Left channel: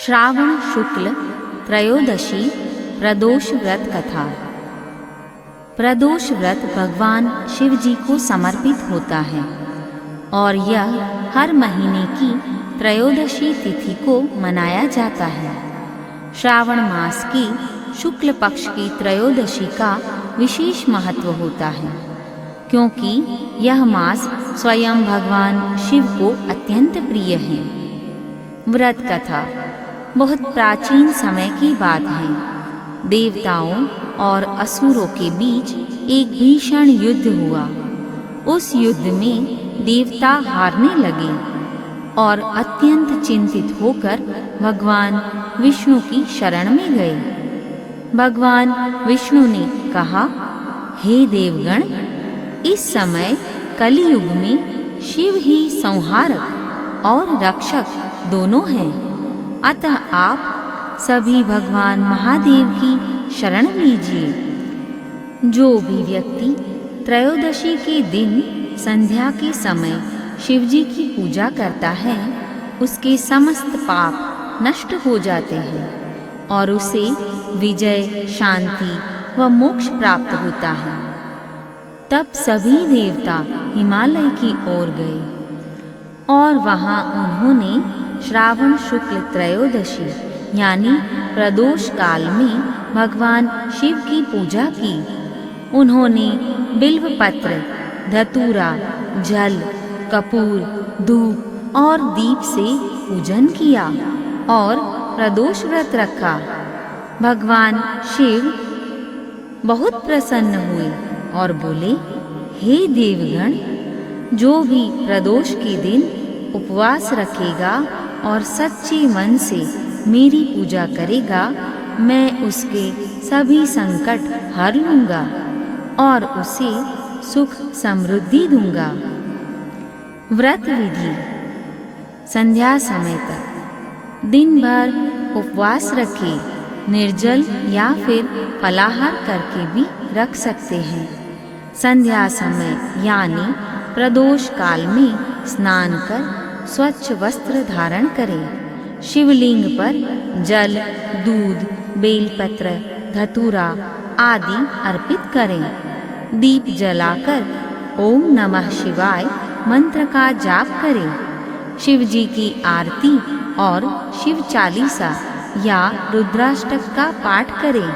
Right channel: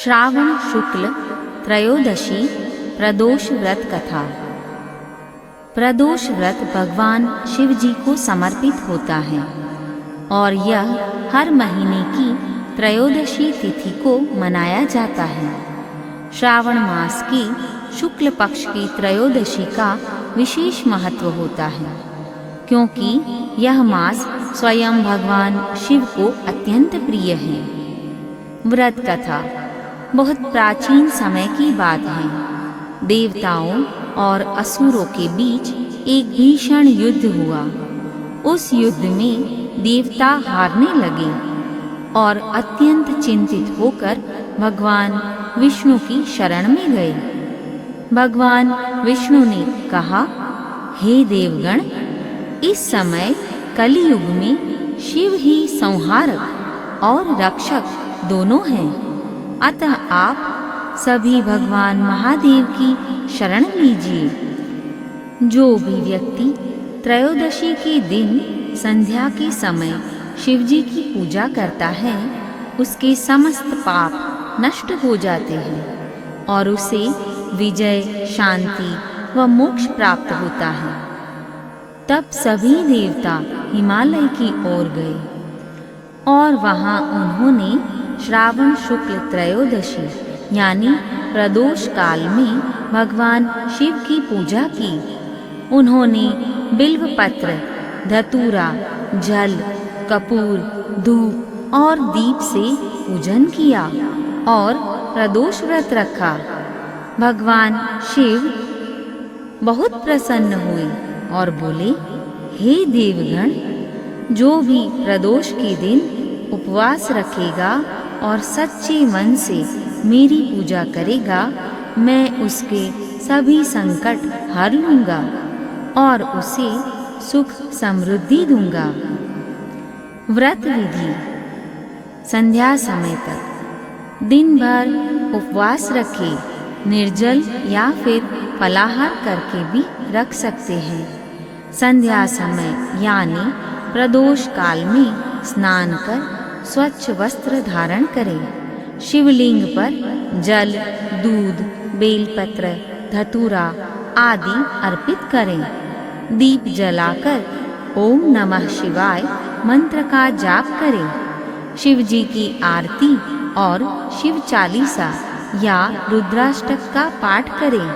श्रावण शुक्ल त्रयोदशी प्रदोष व्रत कथा। प्रदोष व्रत भगवान शिव जी को समर्पित होता है और यह हर महीने की त्रयोदशी तिथि को मनाया जाता है। श्रावण मास की शुक्ल पक्ष की त्रयोदशी का विशेष महत्व होता है, क्योंकि यह मास स्वयं भगवान शिव को अत्यंत प्रिय है। व्रत कथा बहुत प्राचीन समय की बात है। देवताओं और असुरों के बीच एक भीषण युद्ध हुआ। उस युद्ध में देवता हारने लगे और अत्यंत चिंतित होकर भगवान विष्णु की शरण में गए। भगवान विष्णु ने कहा, हे देवगण, इस समय कलियुग में शिव ही संहारक और रक्षक दोनों हैं। अतः आप सभी भगवान महादेव की शरण लीजिए। जो भी व्यक्ति त्रयोदशी के दिन संध्या के समय शिव जी की पूजा करता है, उसके समस्त पाप नष्ट हो जाते हैं और उसे विजय, शांति व मोक्ष प्राप्त होता है। तब सभी देवता हिमालय की ओर गए और वहां उन्होंने श्रावण शुक्ल त्रयोदशी यानी प्रदोष काल में भगवान शिव की पूजा की। उन्होंने बिल्व पत्र, धतूरा, जल, कपूर, धूप और दीप से पूजन किया और प्रदोष व्रत रखा। भगवान शिव बहुत प्रसन्न हुए और बोले, हे देवगण, जो भी प्रदोष के दिन उपवास रखेगा और सच्चे मन से मेरी पूजा करेगा, मैं उसके सभी संकट हर लूंगा और उसे सुख समृद्धि दूंगा। व्रत विधि: संध्या समय तक दिन भर उपवास रखे, निर्जल या फिर फलाहार करके भी रख सकते हैं। संध्या समय यानी प्रदोष काल में स्नान कर स्वच्छ वस्त्र धारण करें। शिवलिंग पर जल, दूध, बेलपत्र, धतूरा आदि अर्पित करें। दीप जलाकर ओम नमः शिवाय मंत्र का जाप करें। शिव जी की आरती और शिव चालीसा या रुद्राष्टक का पाठ करें।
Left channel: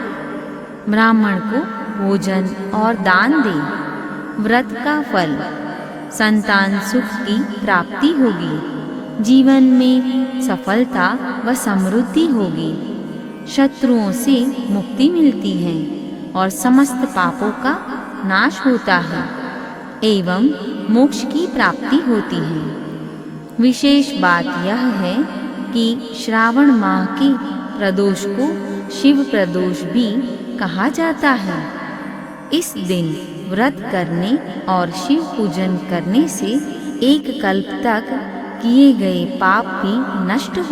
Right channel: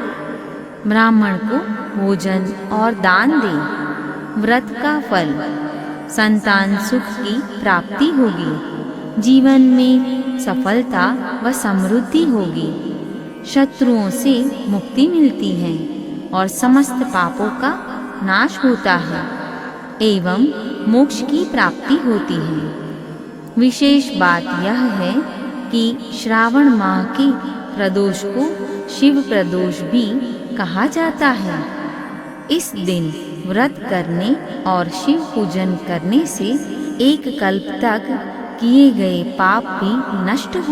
ब्राह्मण को भोजन और दान दें। व्रत का फल: संतान सुख की प्राप्ति होगी, जीवन में सफलता व समृद्धि होगी, शत्रुओं से मुक्ति मिलती है और समस्त पापों का नाश होता है एवं मोक्ष की प्राप्ति होती है। विशेष बात यह है कि श्रावण माह के प्रदोष को शिव प्रदोष भी कहा जाता है। इस दिन व्रत करने और शिव पूजन करने से एक कल्प तक किए गए पाप भी नष्ट